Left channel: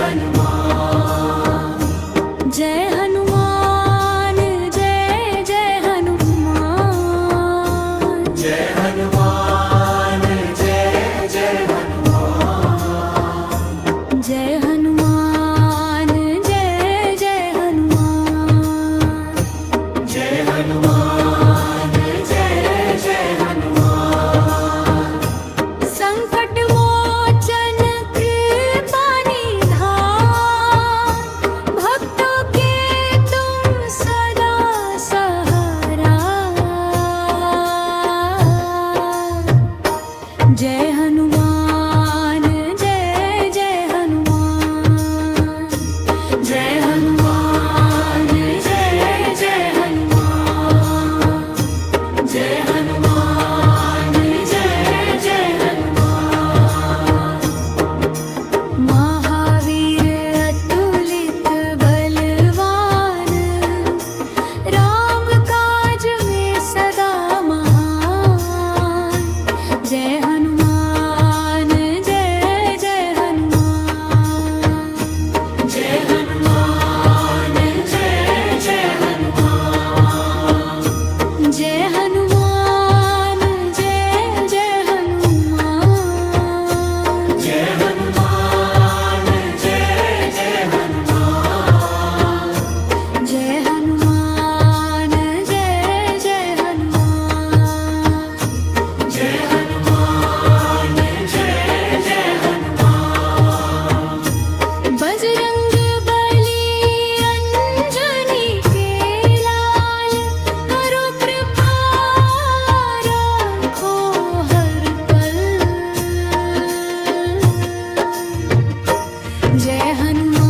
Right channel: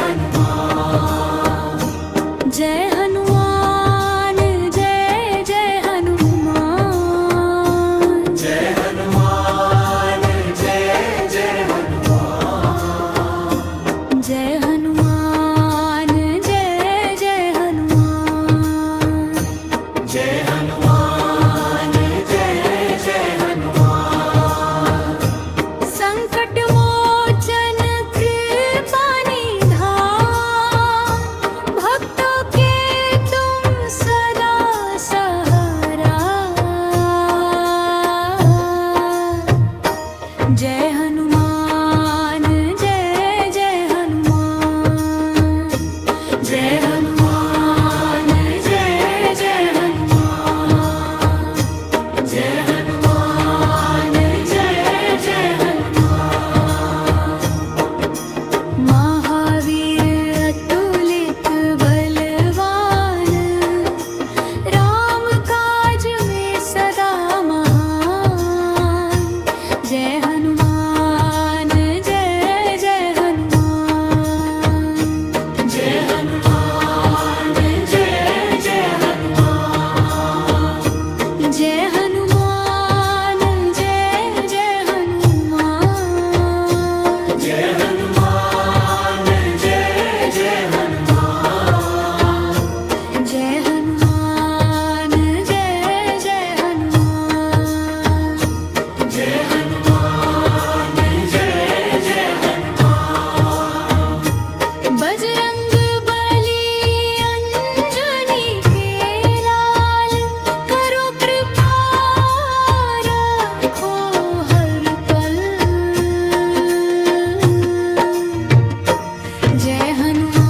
हनुमान जय हनुमान जय जय हनुमान जय हनुमान जय जय हनुमान जय हनुमान जय जय हनुमान जय हनुमान जय जय हनुमान संकट मोचन कृपा निधान भक्तों के तुम सदा सहारा जय हनुमान जय जय हनुमान जय हनुमान जय जय हनुमान जय हनुमान जय जय हनुमान महावीर अतुलित बलवान राम काज में सदा महान जय हनुमान जय जय हनुमान जय हनुमान जय जय हनुमान जय हनुमान जय जय हनुमान जय हनुमान जय जय हनुमान जय हनुमान जय जय हनुमान जय हनुमान जय जय हनुमान बजरंग बली अंजनी के लाल करो कृपा रखो हर पल जय हनुमान